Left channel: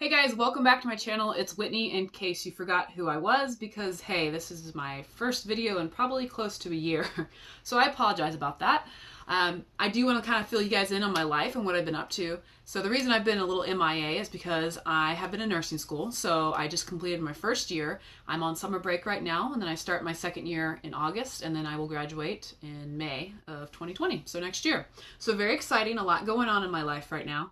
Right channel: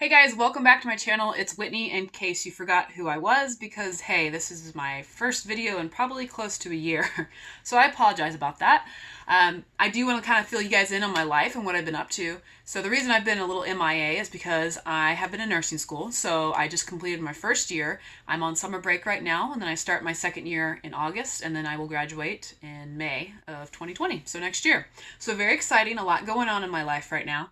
Hey guys, welcome back to my channel. It's Whitney, in case you forgot who I was, because hey, this is my first video in probably close to a year. So I apologize about that. I do want to kind of fill you guys in on my life and what I've been up to. So the reason I've been a little MIA is because I have been in nursing school. So I just completed my first year. I'm on summer break right now, and then I start my second year in August, and then I will graduate in May of 2020, so next year. So very exciting, a lot going on in my life right now.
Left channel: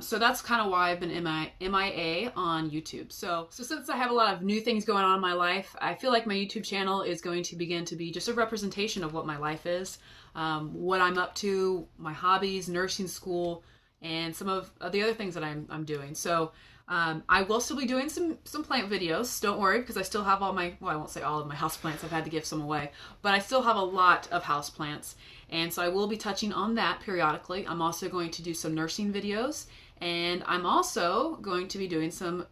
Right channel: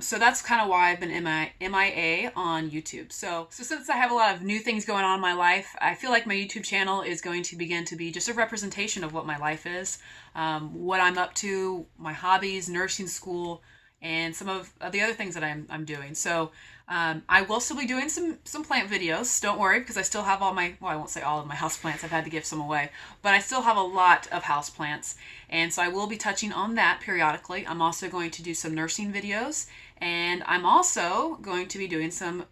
So that's kind of why I've been MIA on YouTube. So since I have a lot of new things going on in my life, I feel like my YouTube channel is going to begin to be just a representation of what my life is, what I'm up to, my hobbies, nursing school, and some of the other things that I'm doing. So I will still be doing some plant videos. Don't worry, because I still have all my, well, I won't say all of my house plants. I've had to give some away, but I still have a lot of house plants. And so I will be touching on that periodically. I'm also going to do some nursing videos, and I'm also going to be doing some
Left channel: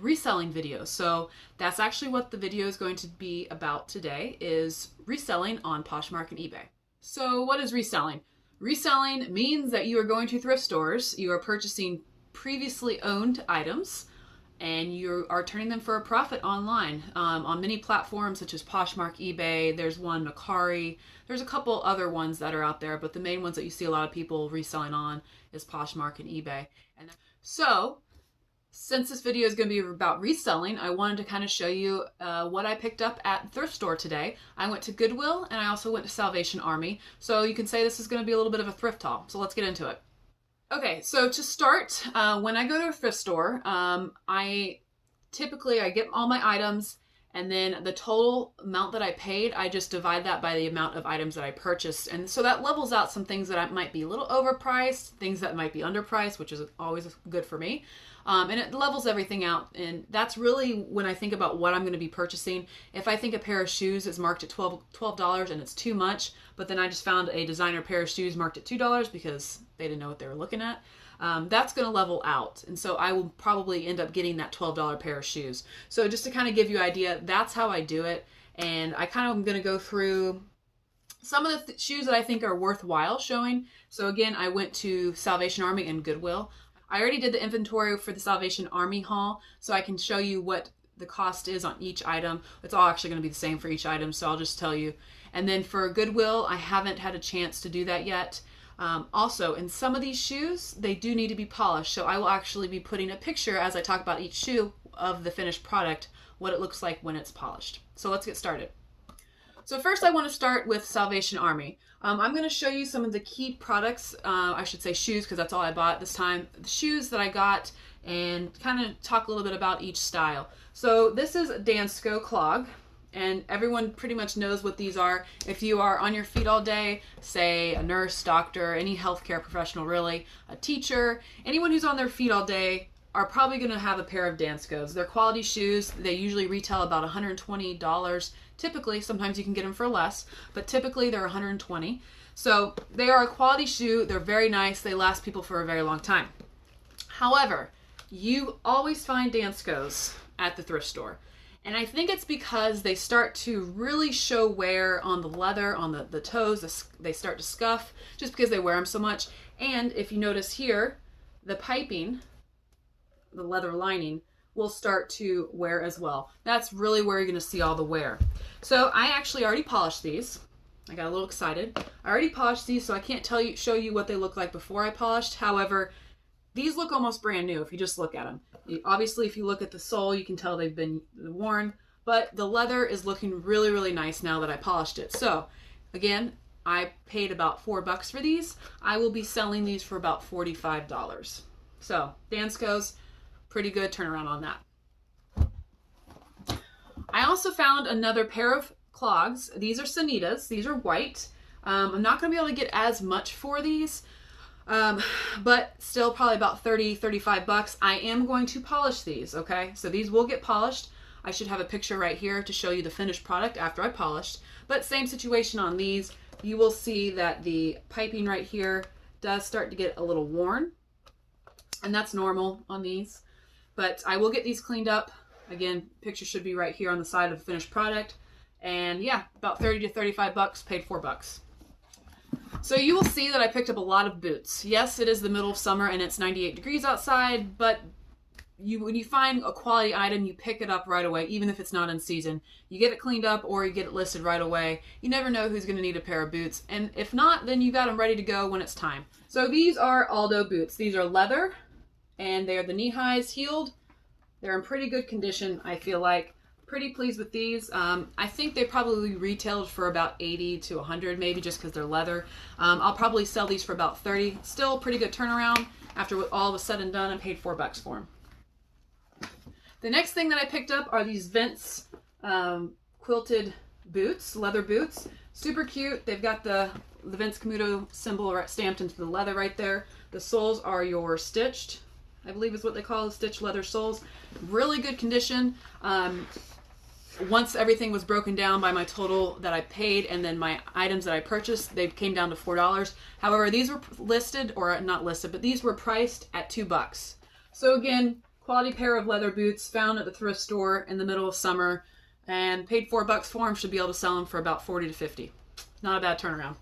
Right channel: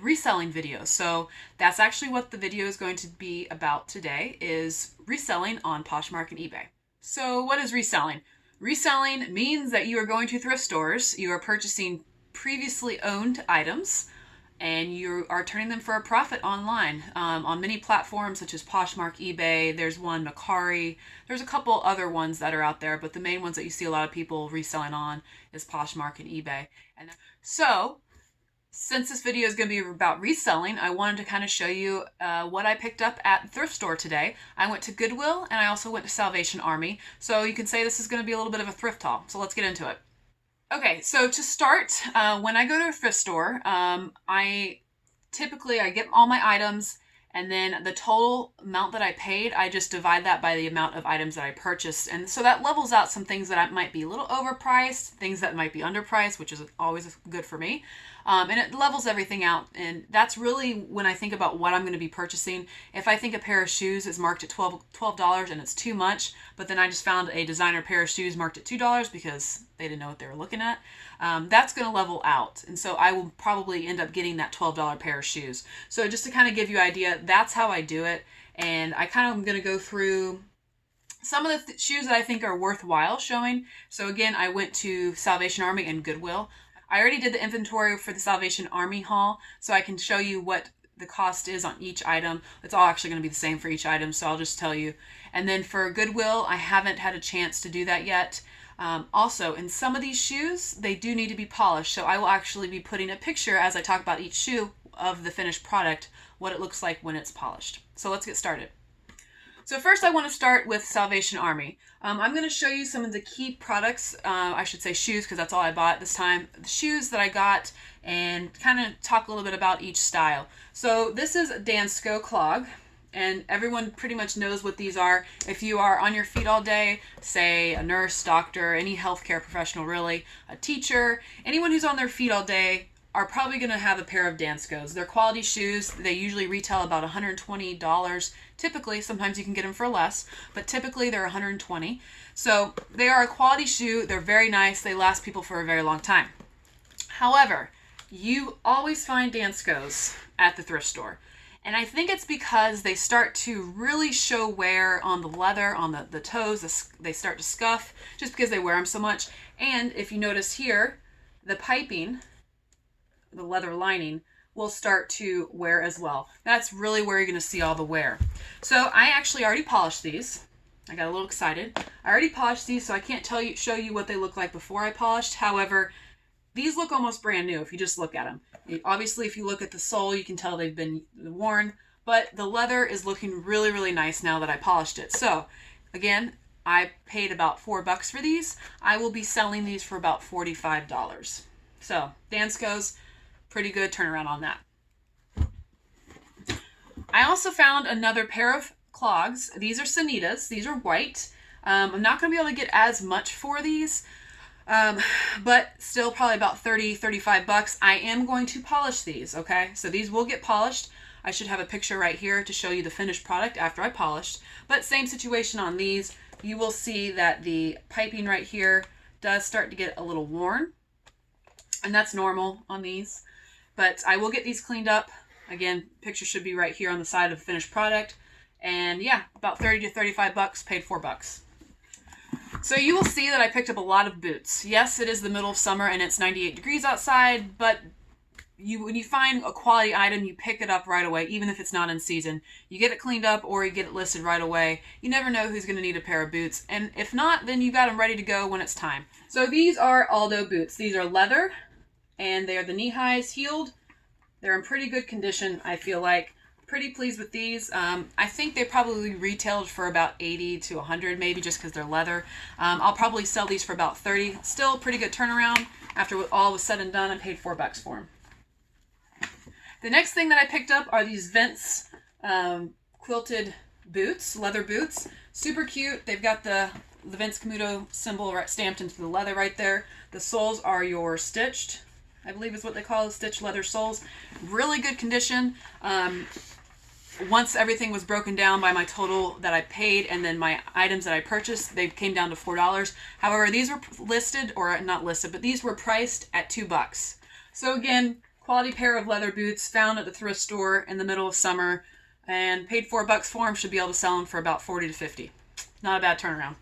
reselling videos. So that's actually what the video is going to be about today, is reselling on Poshmark and eBay. So what is reselling? Reselling means that you are going to thrift stores, you are purchasing previously owned items, and you are turning them for a profit online on many platforms such as Poshmark, eBay. There's one, Macari. There's a couple other ones that are out there, but the main ones that you see a lot of people reselling on is Poshmark and eBay. And so, since this video is going to be about reselling, I wanted to kind of show you what I picked up at the thrift store today. I went to Goodwill, and I also went to Salvation Army. So you can say this is going to be a little bit of a thrift haul. So let's get into it. Okay, so to start, when I go to a thrift store, I get all my items, and then the total amount that I paid, I just divide that by the amount of items that I purchased. And so that levels out some things that might be a little overpriced, things that might be underpriced, which is always good for me. And it levels everything out. And that's really when I think about what I'm going to be purchasing. If I think a pair of shoes is marked at $12 and it's too much, but then I just found a designer pair of shoes marked at $2 because they didn't know what they were looking at, that's going to level out. And so I will probably end up getting that $12 pair of shoes. So just to kind of give you an idea, that's how I do it. And I kind of am going to go through some of the shoes that I think are worthwhile showing. So again, I went to Salvation Army and Goodwill. I already did the inventory for the Salvation Army haul, so I can show you what the cost is on each item. It's all actually going to be the same for each item, so I'll just tell you. And then for Goodwill, I haven't had a chance to do that yet. Also, in some of these shoes, they do need to be polished, so I will actually be putting a picture as I talk about each shoe of the finished product, what it looks like when it's polished. So let's get started. So first I want to start with Salvation Army. I'm going to show you some of the key products, I should say shoes because that's all I bought this time, the shoes that I got, and kind of talk a little bit about each style. So this is a Dansko clog, and everyone pretty much knows what these are. If you are on your feet all day, say a nurse, doctor, any healthcare professional really, a teacher, anyone who's on their feet all day are probably going to have a pair of Danskos. They're quality shoes. They usually retail about $120. Typically, sometimes you can get them for less, but typically they're $120. So they are a quality shoe. They're very nice. They last people for a very long time. However, you always find Danskos at the thrift store. And I think it's because they start to really show wear on the leather, on the toes. They start to scuff just because they wear them so much. And if you notice here, the piping, the leather lining, will start to wear as well. That's really where you're going to see all the wear. So I actually already polished these. I got a little excited. I already polished these, so I can't show you what they look like before I polished. However, these look almost brand new if you just look at them. Obviously, if you look at the sole, you can tell they've been worn, but the leather is looking really, really nice now that I polished it. So again, I paid about $4 for these. I will be selling these for about $45. So Danskos, pretty good turnaround on that. I also found another pair of clogs. These are Sanitas. These are white. I'm not going to be able to get as much for these, but still probably about $30-35. I am going to polish these, okay? So these will get polished. I should have a picture right here to show you the finished product after I polished. But same situation on these. You will see that the piping right here does start to get a little worn, and that's normal on these. But I will get these cleaned up. Again, picture should be right here on the side of the finished product. And yeah, about $30-35, paid $4. So you will see that I picked up a lot of boots. Yes, it is the middle of summer and it's 98 degrees outside, but when you find a quality item, you pick it up right away, even if it's not in season. You get it cleaned up or you get it listed right away. You never know who's going to need a pair of boots. And if not, then you got them ready to go when it's time. So these are Aldo boots. These are leather and they are the knee highs heeled. They're in pretty good condition, I feel like. Pretty pleased with these. I think they probably retailed for about 80 to 100 maybe, just because they're leather. I'll probably sell these for about 30. Still pretty good turnaround. After all was said and done, I paid $4 for them. The next thing that I picked up are these Vince quilted boots, leather boots. Super cute. They've got the Vince Camuto symbol stamped into the leather right there. The soles are your stitched, I believe is what they call stitched leather soles. Really good condition. Once everything was broken down by my total that I paid and then my items that I purchased, they came down to $4. However, these were listed, or not listed, but these were priced at $2. So again, quality pair of leather boots found at the thrift store in the middle of summer, and paid $4 for them. Should be able to sell them for about 40 to 50. Not a bad turnaround.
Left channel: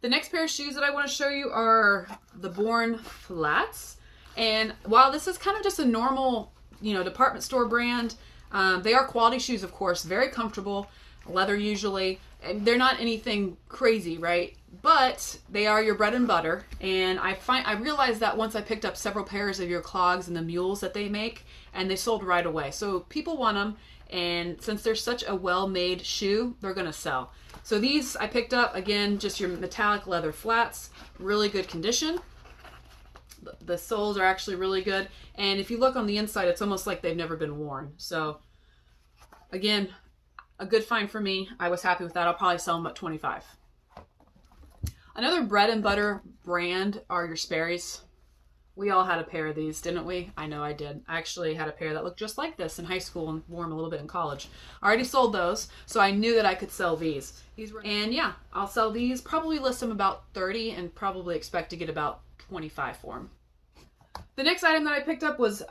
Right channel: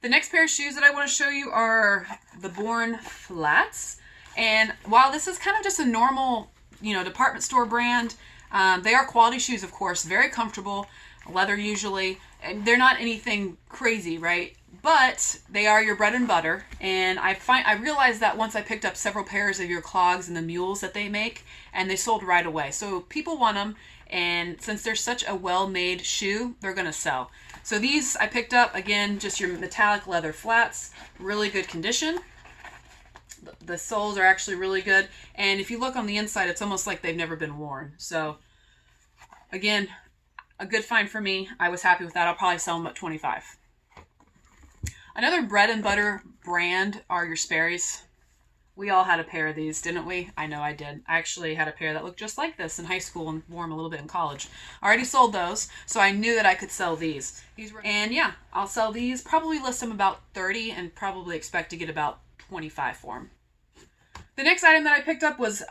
The next pair of shoes that I want to show you are the Born Flats. And while this is kind of just a normal, department store brand, they are quality shoes, of course, very comfortable, leather usually, and they're not anything crazy, right? But they are your bread and butter, and I realized that once I picked up several pairs of your clogs and the mules that they make, and they sold right away. So people want them, and since they're such a well-made shoe, they're going to sell. So these I picked up, again, just your metallic leather flats, really good condition. The soles are actually really good, and if you look on the inside, it's almost like they've never been worn. So again, a good find for me. I was happy with that. I'll probably sell them at $25. Another bread and butter brand are your Sperrys. We all had a pair of these, didn't we? I know I did. I actually had a pair that looked just like this in high school and wore them a little bit in college. I already sold those, so I knew that I could sell these. And yeah, I'll sell these, probably list them about 30 and probably expect to get about 25 for them. The next item that I picked up was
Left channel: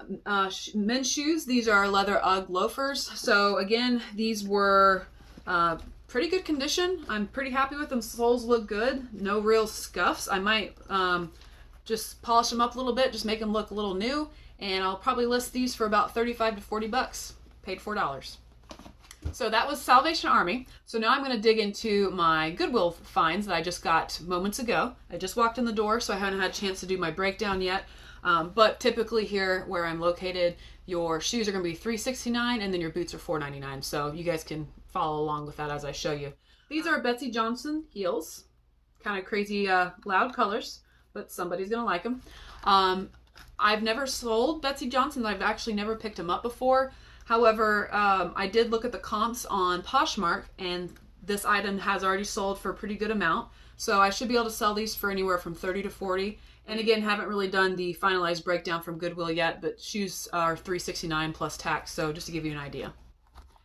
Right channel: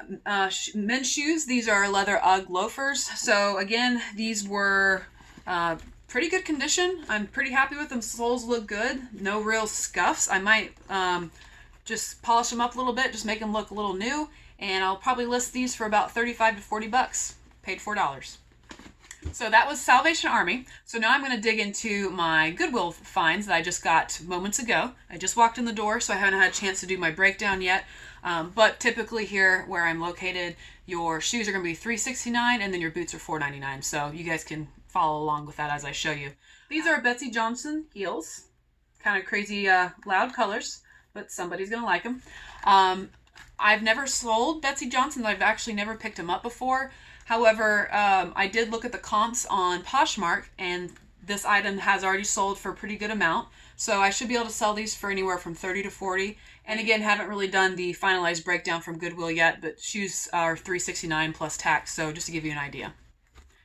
men's shoes. These are leather UGG loafers. So again, these were pretty good condition. I'm pretty happy with them. Soles look good. No real scuffs. I might just polish them up a little bit, just make them look a little new. And I'll probably list these for about 35 to 40 bucks. Paid $4. So that was Salvation Army. So now I'm going to dig into my Goodwill Finds that I just got moments ago. I just walked in the door, so I haven't had a chance to do my breakdown yet. But typically here where I'm located, your shoes are going to be $3.69 and then your boots are $4.99. So you guys can follow along with that as I show you. These are Betsey Johnson heels. Kind of crazy loud colors, but somebody's going to like them. I've never sold Betsey Johnson. I've actually never picked them up before. However, I did look at the comps on Poshmark, and this item has already sold for a pretty good amount. So I should be able to sell these for anywhere from 30 to 40. And again, haven't really done the finalized breakdown from Goodwill yet, but shoes are $3.69 plus tax, so just to give you an idea.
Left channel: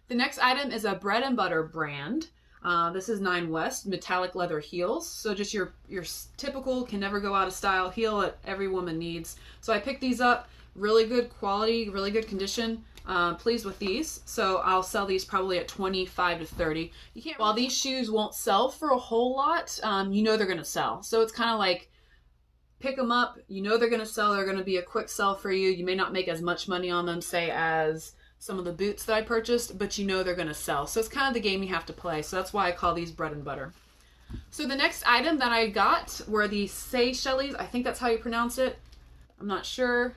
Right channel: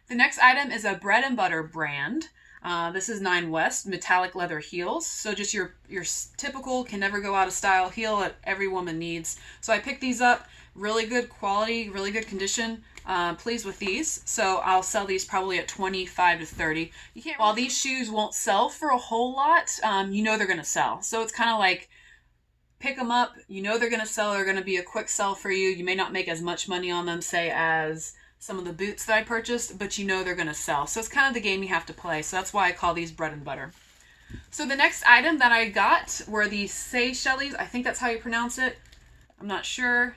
The next item is a bread and butter brand. This is 9 West metallic leather heels. So just your typical can never go out of style heel that every woman needs. So I picked these up. Really good quality, really good condition. Pleased with these. So I'll sell these probably at 25 to 30. While these shoes won't sell for a whole lot, you know they're going to sell. So it's kind of like pick them up. You know they're going to sell. They're going to be a quick sell for you. You may not make as much money on them, say, as some of the boots that I purchased, but you know they're going to sell. So it's kind of the game you have to play. So that's why I call these bread and butter. So the next item that I got were the Seychelles. I think that's how you pronounce it. I'm not sure.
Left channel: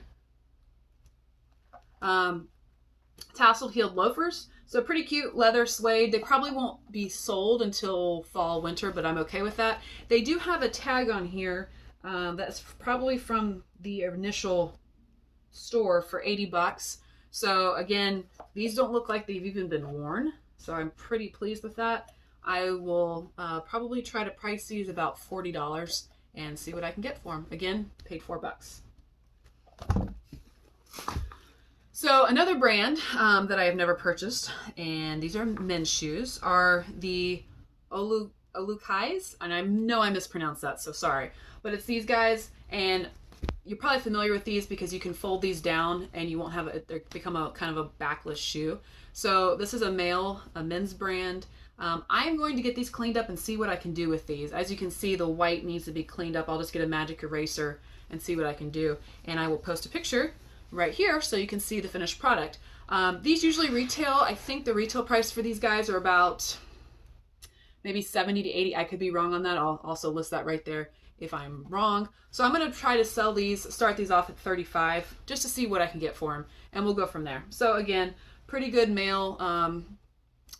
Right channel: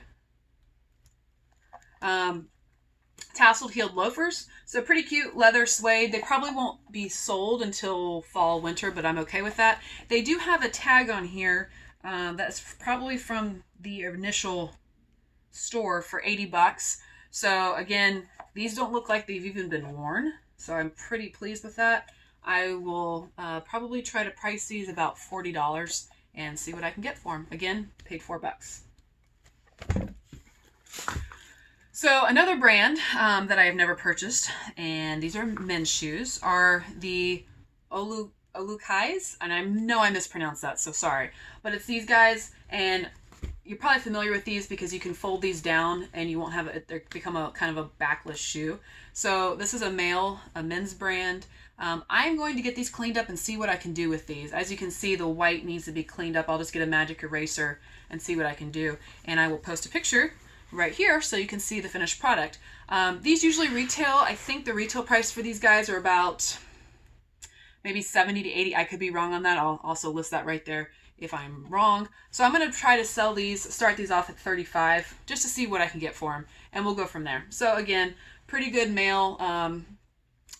Tasseled heeled loafers. So pretty cute leather suede. They probably won't be sold until fall, winter, but I'm okay with that. They do have a tag on here that's probably from the initial store for 80 bucks. So again, these don't look like they've even been worn. So I'm pretty pleased with that. I will probably try to price these about $40 and see what I can get for them. Again, paid $4. So another brand that I have never purchased, and these are men's shoes, are the Olukais, and I know I mispronounced that, so sorry. But it's these guys, and you're probably familiar with these because you can fold these down and you won't have it, they become a kind of a backless shoe. So this is a men's brand. I'm going to get these cleaned up and see what I can do with these. As you can see, the white needs to be cleaned up. I'll just get a magic eraser and see what I can do. And I will post a picture right here so you can see the finished product. These usually retail, I think the retail price for these guys are about maybe 70 to 80. I could be wrong on that. I'll also list that right there if I'm wrong. So I'm going to try to sell these, start these off at 35 just to see what I can get for them, and we'll go from there. So again, pretty good male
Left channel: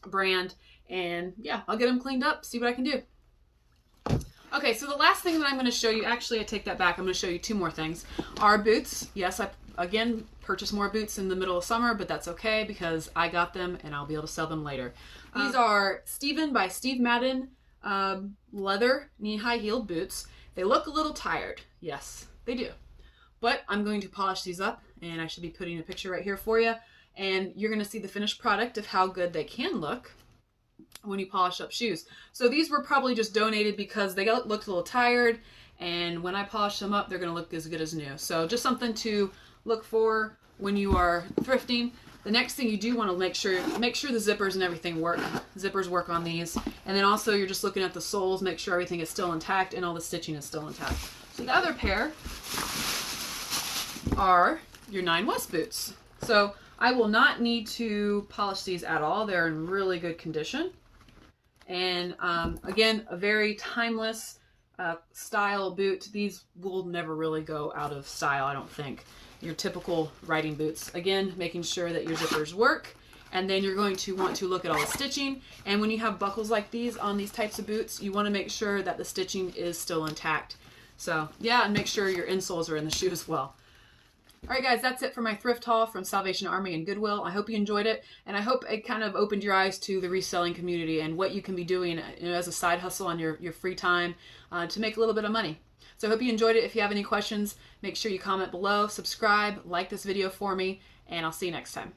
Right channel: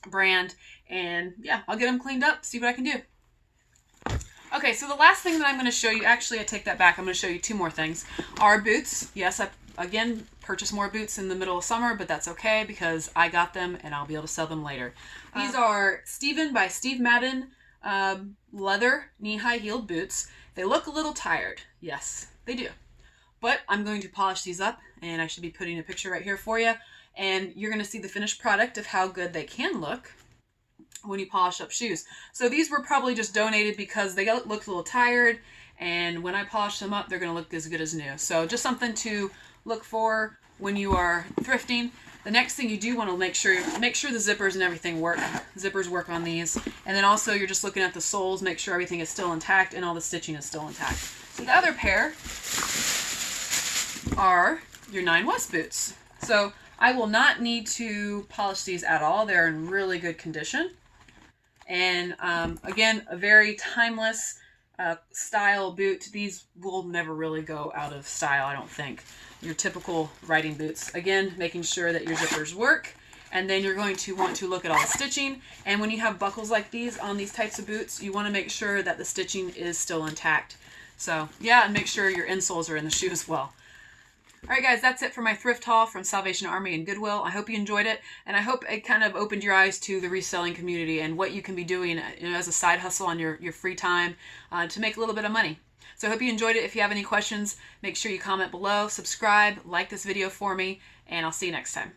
brand, and yeah, I'll get them cleaned up, see what I can do. Okay, so the last thing that I'm going to show you, actually I take that back, I'm going to show you two more things, are boots. Yes, I again purchased more boots in the middle of summer, but that's okay because I got them and I'll be able to sell them later. These are Steven by Steve Madden leather knee-high heeled boots. They look a little tired. Yes, they do. But I'm going to polish these up, and I should be putting a picture right here for you, and you're going to see the finished product of how good they can look when you polish up shoes. So these were probably just donated because they looked a little tired, and when I polish them up, they're going to look as good as new. So just something to look for when you are thrifting. The next thing you do want to make sure the zippers and everything work. Zippers work on these. And then also you're just looking at the soles, make sure everything is still intact and all the stitching is still intact. So the other pair are your 9 West boots. So I will not need to polish these at all. They're in really good condition. And again, a very timeless style boot. These will never really go out of style, I don't think. Your typical riding boots. Again, making sure that your zippers work, and then you're going to want to look at all the stitching. And when you have buckles like these on these types of boots, you want to make sure that the stitching is still intact. So yeah, and make sure your insoles are in the shoe as well. Alright guys, that's it for my thrift haul from Salvation Army and Goodwill. I hope you enjoyed it, and I hope it kind of opened your eyes to the reselling community and what you can be doing, you know, as a side hustle on your free time to make a little bit of money. So I hope you enjoyed it. If you have any questions, make sure you comment below, subscribe, like this video for me, and I'll see you next time.